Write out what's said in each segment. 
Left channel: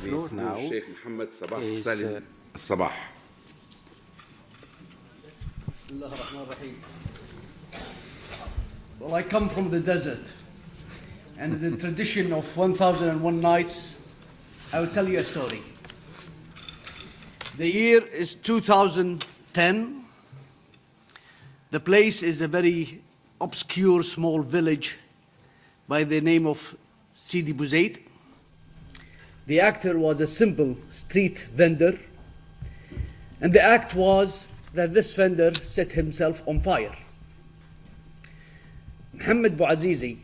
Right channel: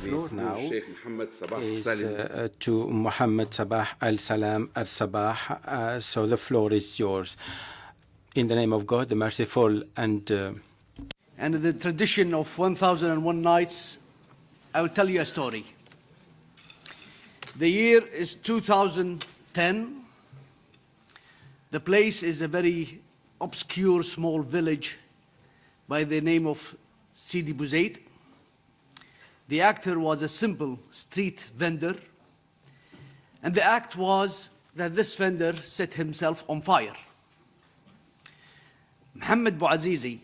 floor now is to Mohammed Sabah al-Salam al-Sabah. So the floor is yours. In the name of God, the merciful and in the tradition of 1001 nights, I will tell you a story. The year is 2010. The place is a very obscure small village by the name of Sidi Bouzaid. The actor was a simple street vendor, and the act was that this vendor set himself on fire. Mohammed Bouazizi,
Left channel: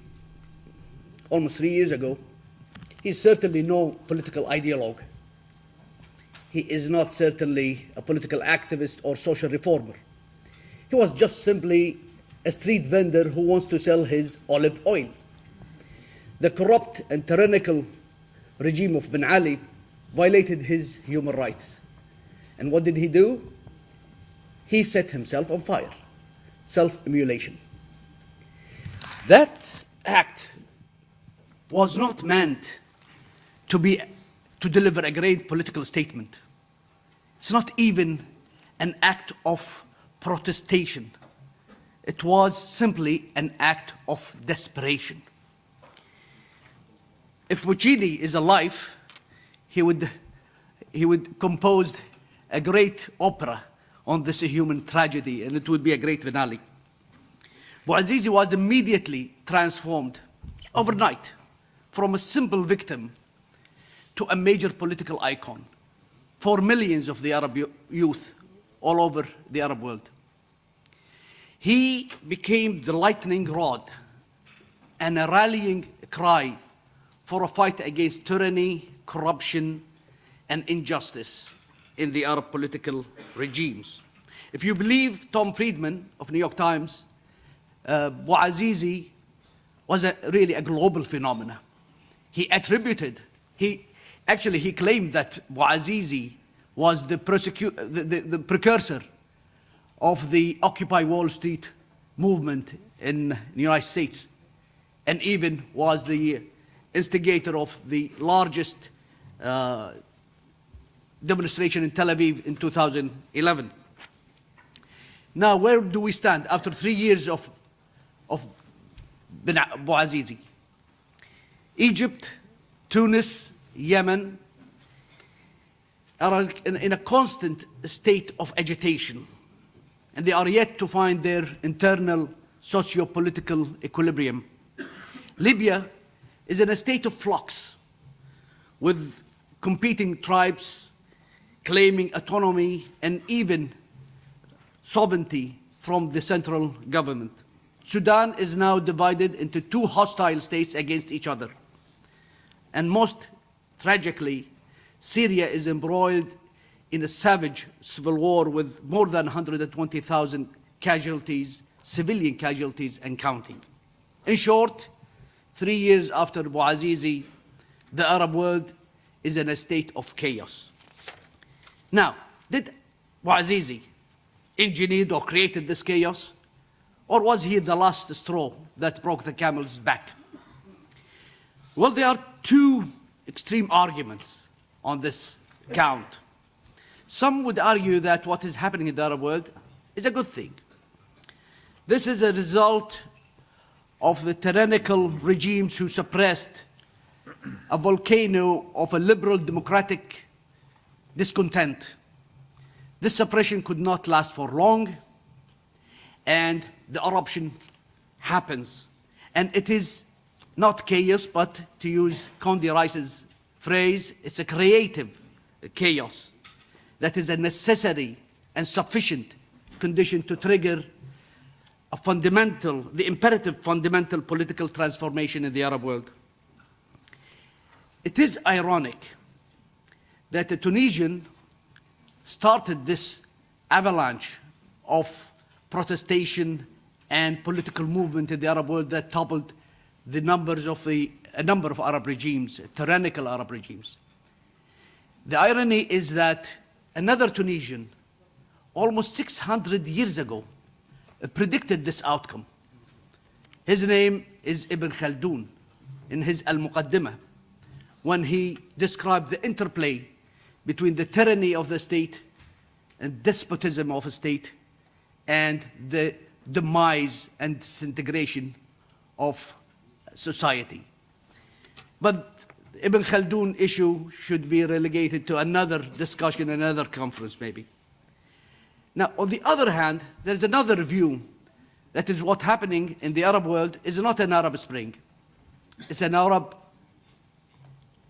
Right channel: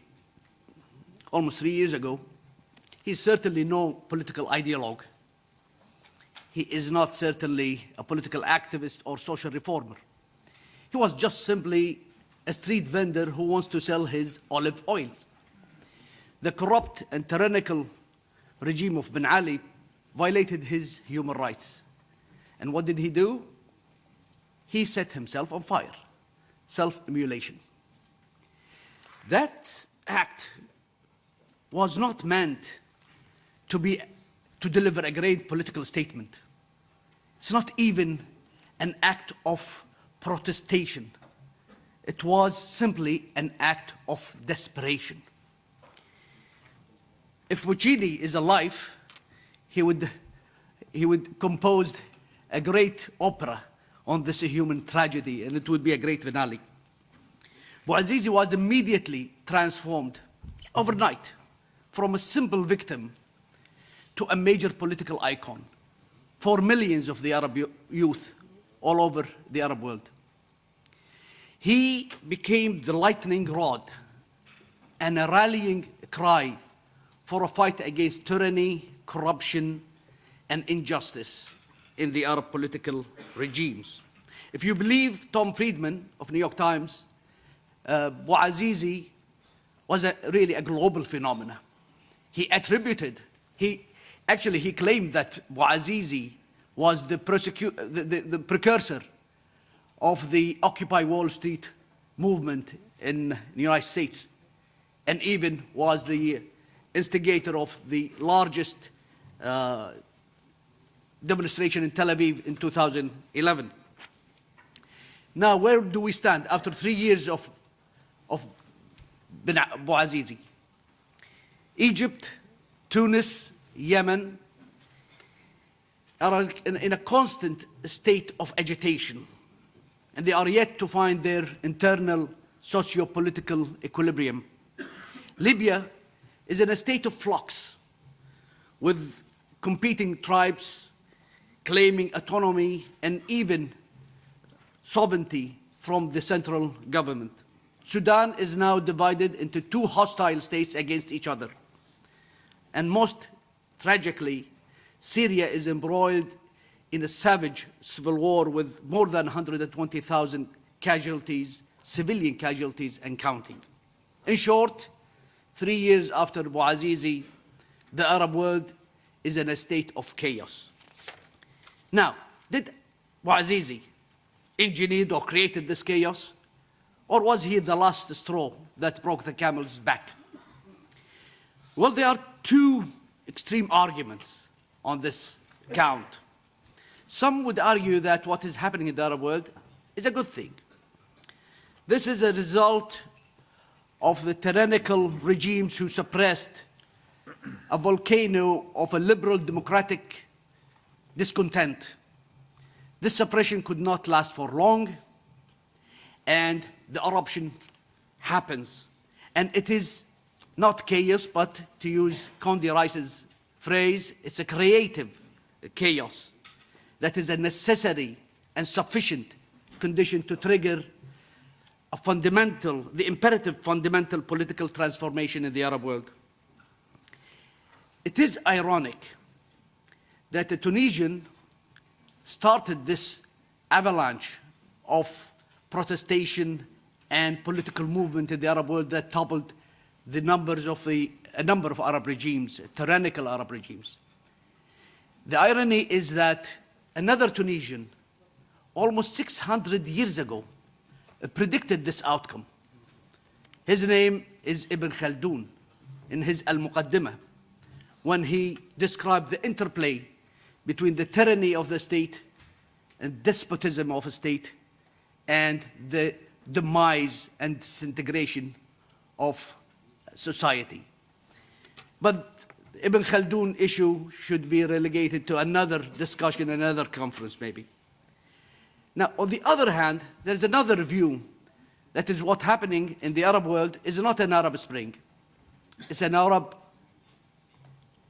almost 3 years ago, he's certainly no political ideologue. He is not certainly a political activist or social reformer. He was just simply a street vendor who wants to sell his olive oils. The corrupt and tyrannical regime of Ben Ali violated his human rights. And what did he do? He set himself on fire. Self-immolation. That act was not meant to deliver a great political statement. It's not even an act of protestation. It was simply an act of desperation. If Puccini is alive, he would compose a great opera on this human tragedy, and it would be a great finale. Bouazizi was immediately transformed overnight from a simple victim to a major political icon for millions of the Arab youth all over the Arab world. He became the lightning rod and a rallying cry for a fight against tyranny, corruption, and injustice in the Arab political regimes. If you believe Tom Friedman of New York Times, Bouazizi was really a global phenomenon. He claimed that Bouazizi was the precursor of the Occupy Wall Street movement in the United States, and even was the instigator of the largest demonstration in Tel Aviv in 2011. Now, where do we stand after 3 years of Bouazizi? Egypt, Tunis, Yemen are in a constant state of agitation, and they are yet to find their internal socio-political equilibrium. Libya is in a state of flux, with competing tribes claiming autonomy and even sovereignty from the central government. Sudan is now divided into two hostile states against each other. And most tragically, Syria is embroiled in a savage civil war with more than 120,000 casualties, civilian casualties, and counting. In short, 3 years after Bouazizi, the Arab world is in a state of chaos. Now, did Bouazizi engineered or created this chaos? Or was he the last straw that broke the camel's back? Well, there are two extreme arguments on this count. Some would argue that what is happening in the Arab world is a good thing. This is a result of the tyrannical regimes who suppressed a volcano of a liberal democratic discontent. This suppression could not last for long, and the eruption happens. And it is not chaos, but to use Condi Rice's phrase, it's a creative chaos that is a necessary and sufficient condition to trigger the imperative fundamental political transformation in the Arab world. It is ironic that the Tunisian started this avalanche of protestation and political movement in the Arab world that toppled the numbers of a number of Arab regimes, tyrannical Arab regimes. The irony is that another Tunisian, almost 600 years ago, predicted this outcome. His name is Ibn Khaldun in his Al-Muqaddimah, when he described the interplay between the tyranny of the state and despotism of a state and the demise and disintegration of society. But Ibn Khaldun issue should be relegated to another discussion, another conference maybe. Now, on the other hand, there's another view that is what happening in the Arab world is not an Arab Spring. It's an Arab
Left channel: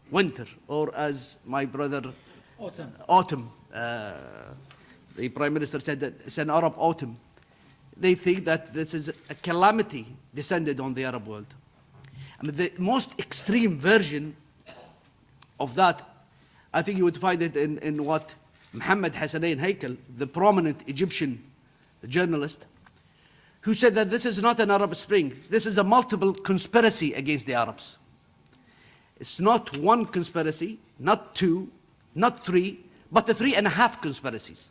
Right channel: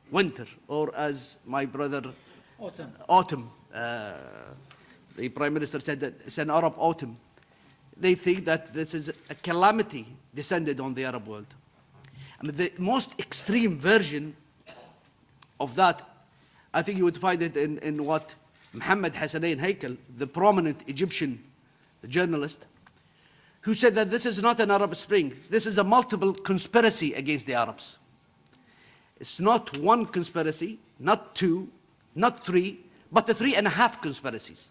winter, or as my brother, autumn. The Prime Minister said that it's an Arab autumn. They think that this is a calamity descended on the Arab world. And the most extreme version of that, I think you would find it in what Muhammad Hassanein Haikal, the prominent Egyptian journalist, who said that this is not an Arab Spring. This is a multiple conspiracy against the Arabs. It's not one conspiracy, not two, not three, but 3.5 conspiracies.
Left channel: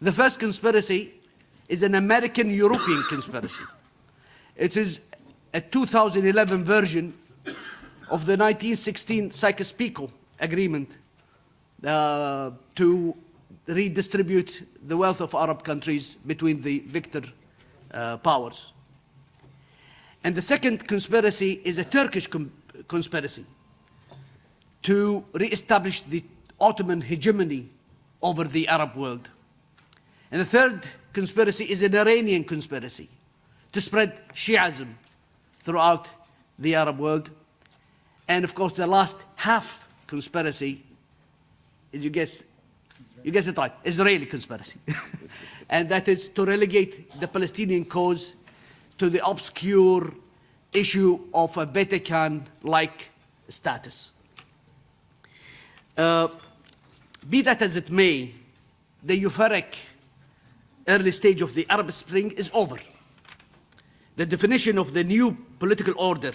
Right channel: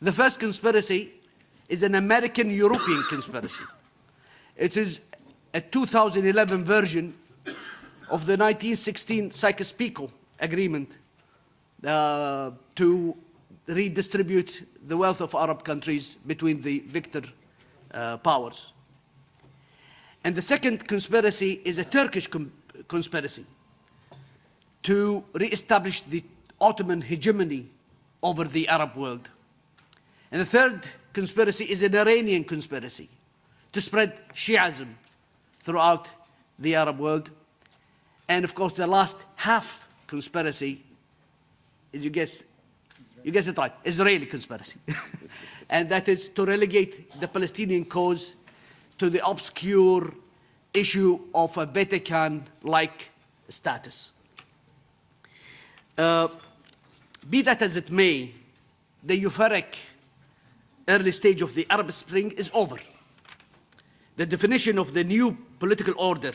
The first conspiracy is an American-European conspiracy. It is a 2011 version of the 1916 Sykes-Picot Agreement to redistribute the wealth of Arab countries between the victor powers. And the second conspiracy is a Turkish conspiracy to re-establish the Ottoman hegemony over the Arab world. And the third conspiracy is an Iranian conspiracy to spread Shi'ism throughout the Arab world. And of course, the last half conspiracy is, you guess it right, Israeli conspiracy. And that is to relegate the Palestinian cause to the obscure issue of a Vatican-like status. Be that as it may, the euphoric early stage of the Arab Spring is over. The definition of the new political order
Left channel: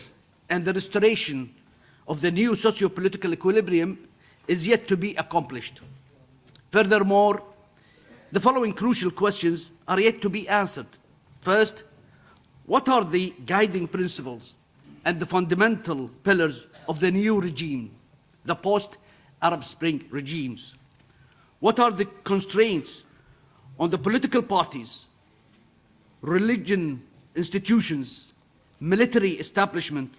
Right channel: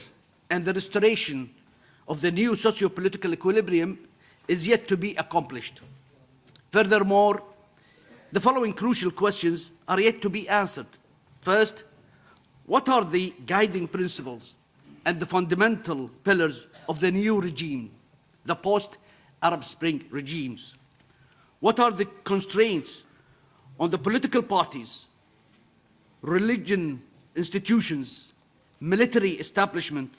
and the restoration of the new socio-political equilibrium is yet to be accomplished. Furthermore, the following crucial questions are yet to be answered. First, what are the guiding principles and the fundamental pillars of the new regime, the post-Arab Spring regimes? What are the constraints on the political parties, religion institutions, military establishment,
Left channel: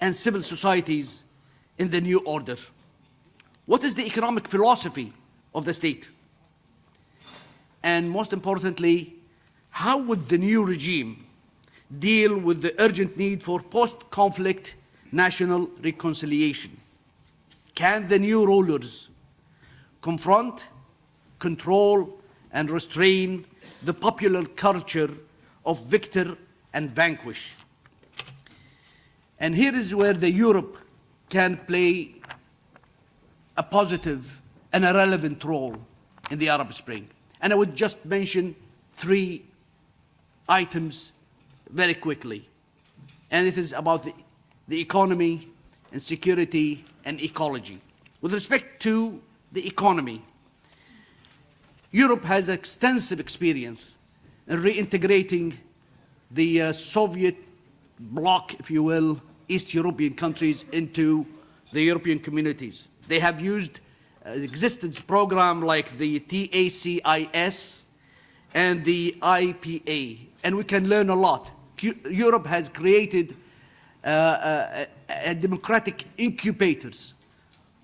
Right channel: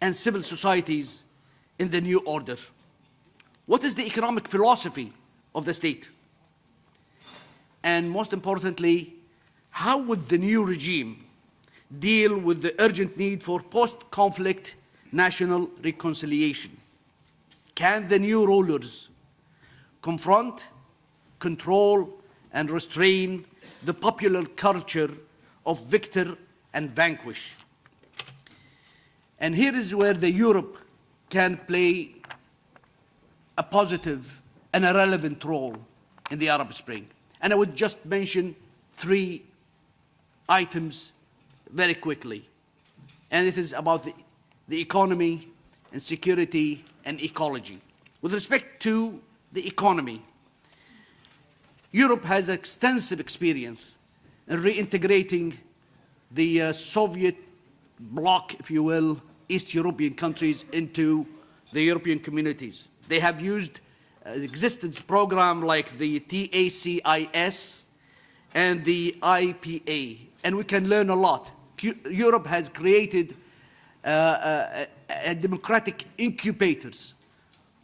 and civil societies in the new order? What is the economic philosophy of the state? And most importantly, how would the new regime deal with the urgent need for post-conflict national reconciliation? Can the new rulers confront, control, and restrain the popular culture of victor and vanquish? And here is where the Europe can play a positive and a relevant role in the Arab Spring. And I would just mention 3 items very quickly. And it is about the economy and security and ecology. With respect to the economy, Europe has extensive experience in reintegrating the Soviet bloc, if you will, East European countries into the European communities. They have used existence program like the TACIS and the IPA, and we can learn a lot. Europe has created democratic incubators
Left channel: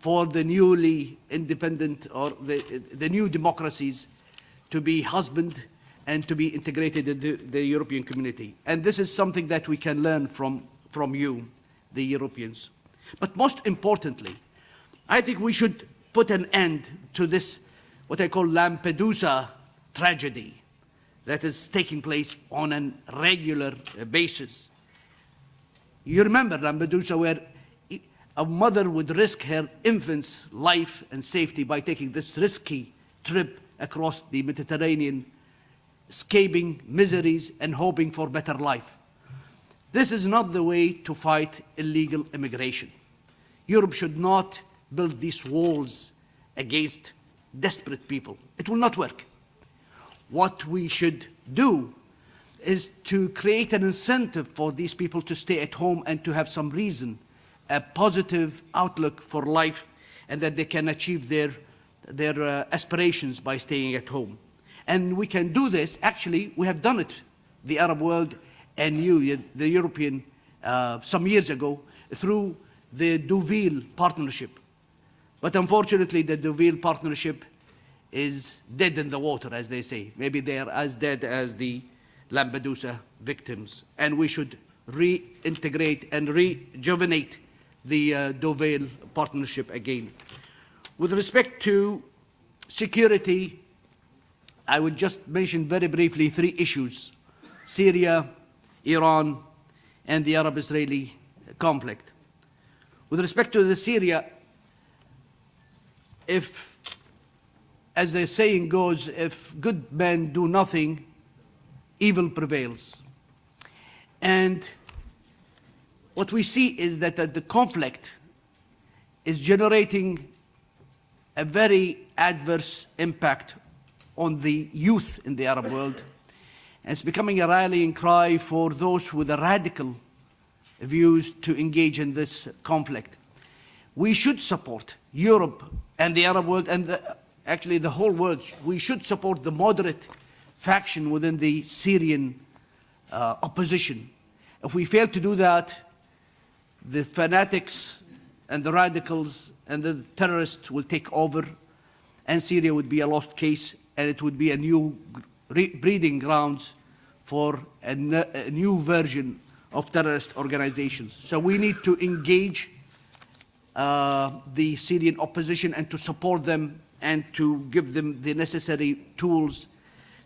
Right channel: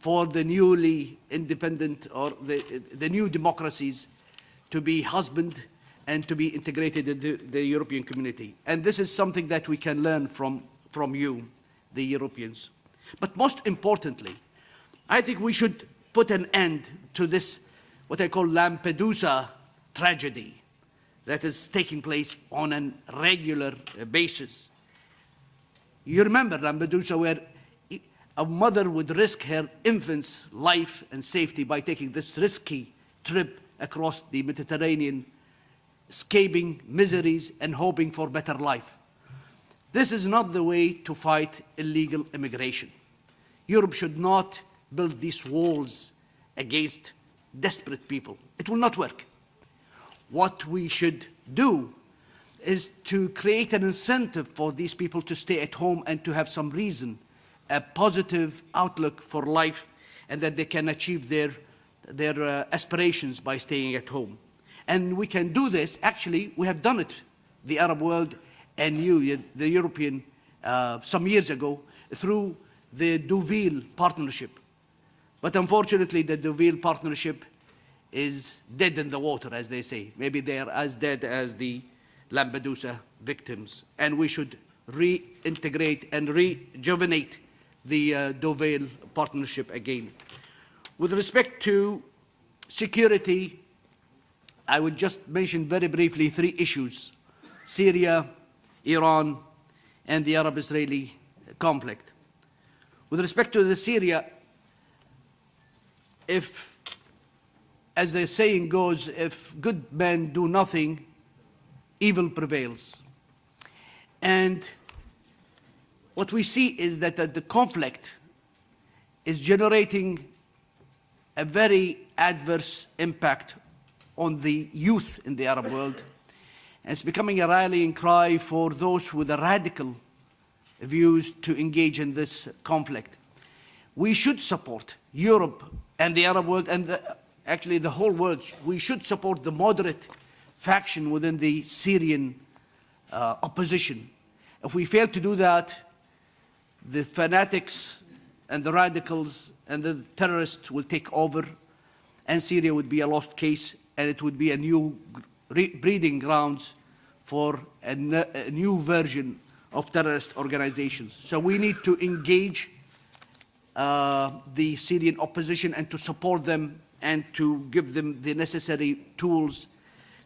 for the newly independent or the new democracies to be husbanded and to be integrated into the European community. And this is something that we can learn from you, the Europeans. But most importantly, I think we should put an end to this, what I call Lampedusa tragedy that is taking place on a regular basis. You remember Lampedusa, where a mother would risk her infant's life and safety by taking this risky trip across the Mediterranean, escaping miseries and hoping for better life. This is not the way to fight illegal immigration. Europe should not build these walls against desperate people. It will not work. What we should do is to create an incentive for these people to stay at home and to have some reason a positive outlook for life and that they can achieve their aspirations by staying at home. And we can do this, actually, we have done it, the Arab world and the European, some years ago, through the Deauville Partnership. But unfortunately, the Deauville Partnership is dead in the water, as they say. Maybe they are as dead as the Lampedusa victims. And we should reintegrate and rejuvenate the Deauville Partnership again. With respect to security, I would just mention very briefly 3 issues: Syria, Iran, and the Arab-Israeli conflict. With respect to the Syria, if, as the saying goes, if good men do nothing, evil prevails. And what we see is that the conflict is generating a very adverse impact on the youth in the Arab world. And it's becoming a rallying cry for those with the radical views to engage in this conflict. We should support Europe and the Arab world, and actually the whole world. We should support the moderate faction within the Syrian opposition. If we fail to do that, the fanatics and the radicals and the terrorists will take over, and Syria would be a lost case, and it would be a new breeding grounds for a new version of terrorist organizations. So we need to engage the Syrian opposition and to support them and to give them the necessary tools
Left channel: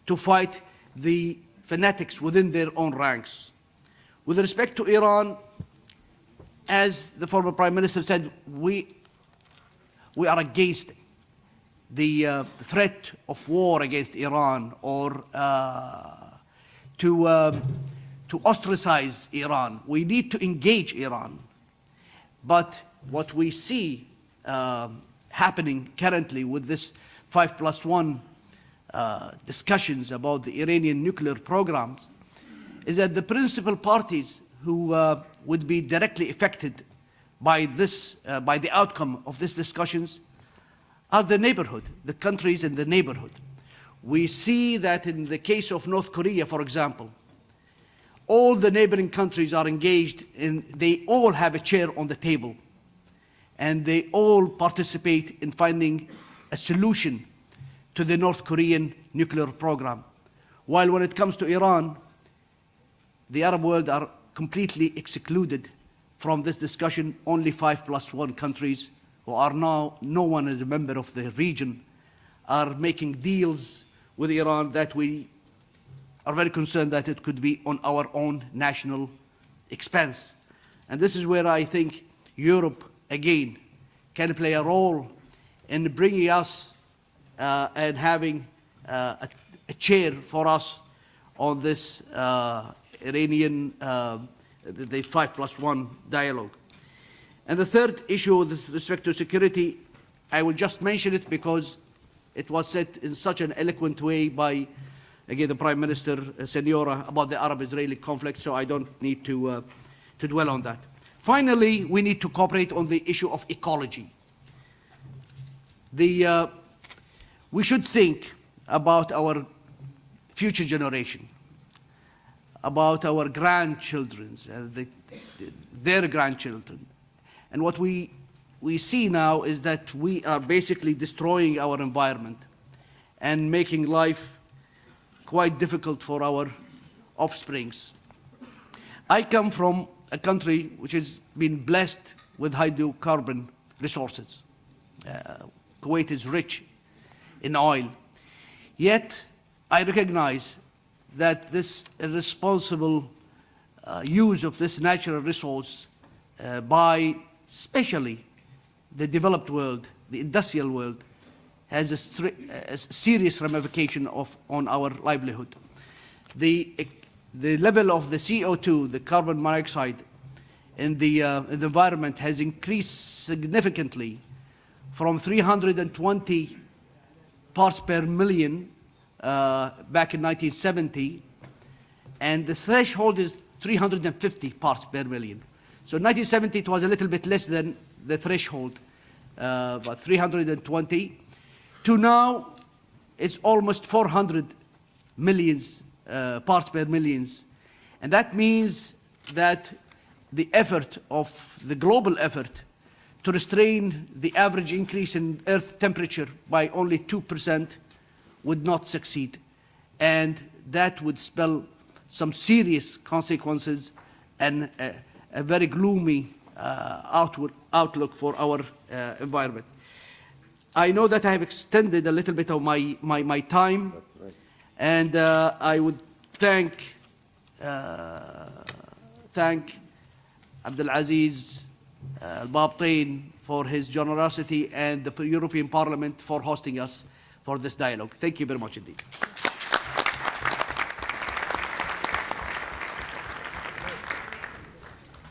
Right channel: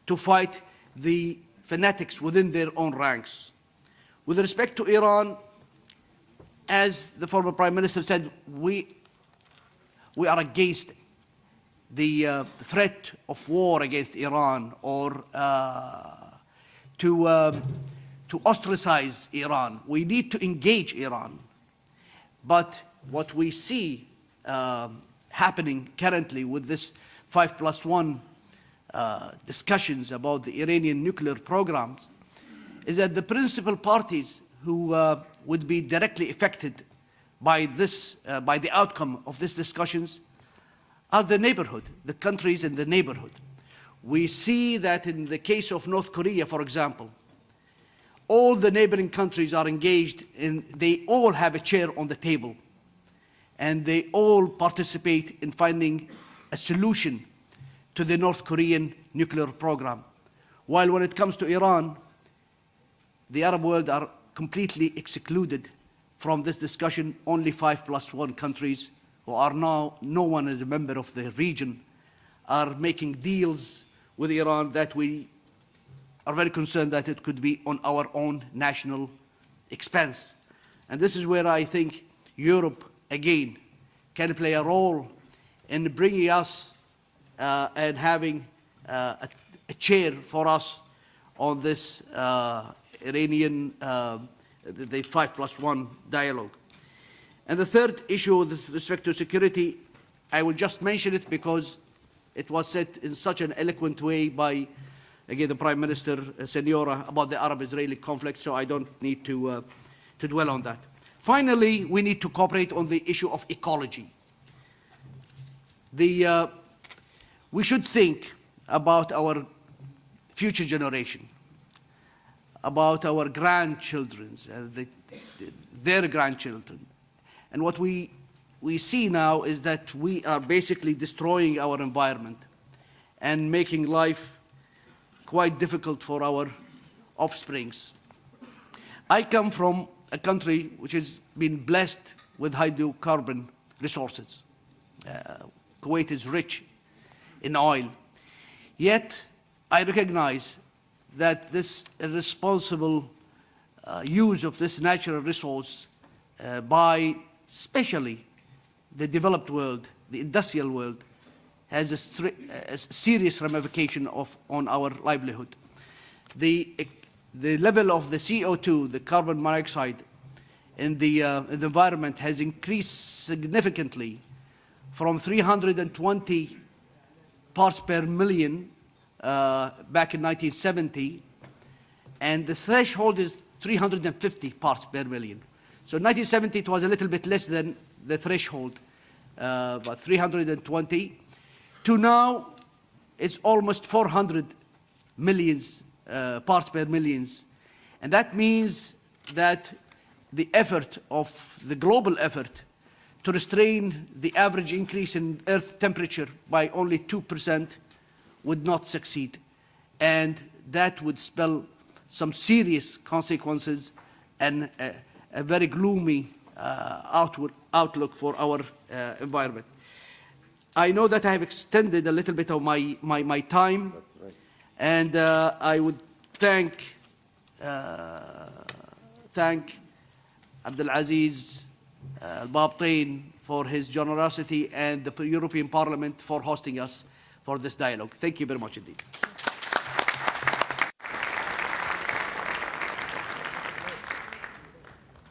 to fight the fanatics within their own ranks. With respect to Iran, as the former Prime Minister said, we are against the threat of war against Iran or to ostracize Iran. We need to engage Iran. But what we see happening currently with this 5+1 discussions about the Iranian nuclear programs is that the principal parties who would be directly affected by this, by the outcome of these discussions are the neighborhood, the countries in the neighborhood. We see that in the case of North Korea, for example, all the neighboring countries are engaged and they all have a chair on the table and they all participate in finding a solution to the North Korean nuclear program. While when it comes to Iran, the Arab world are completely excluded from this discussion. Only 5+1 countries who are now, no one is a member of the region, are making deals with Iran that we are very concerned that it could be on our own national expense. And this is where I think Europe, again, can play a role in bringing us and having a chair for us on this Iranian, the 5+1 dialogue. And the third issue with respect to security, I will just mention it because it was said in such an eloquent way by, again, the Prime Minister, Senora, about the Arab-Israeli conflict, so I don't need to dwell on that. Finally, we need to cooperate on the issue of ecology. We should think about our future generation, about our grandchildren, their grandchildren. And what we see now is that we are basically destroying our environment and making life quite difficult for our offsprings. I come from a country which has been blessed with hydrocarbon resources. Kuwait is rich in oil. Yet, I recognize that this irresponsible use of this natural resource by especially the developed world, the industrial world, has a serious ramification on our livelihood. The level of the CO2, the carbon monoxide, in the environment has increased significantly from 320 parts per million back in 1970, and the threshold is 350 parts per million. So in 1970, it was a little bit less than the threshold, about 320. To now, it's almost 400 millions parts per millions. And that means that the effort of the global effort to restrain the average increase in Earth temperature by only 2% would not succeed. And that would spell some serious consequences and a very gloomy outlook for our environment. I know that I have extended a little bit of my time, and I would thank Abdulaziz Al-Babtain for his generosity and the European Parliament for hosting us for this dialogue. Thank you very much indeed.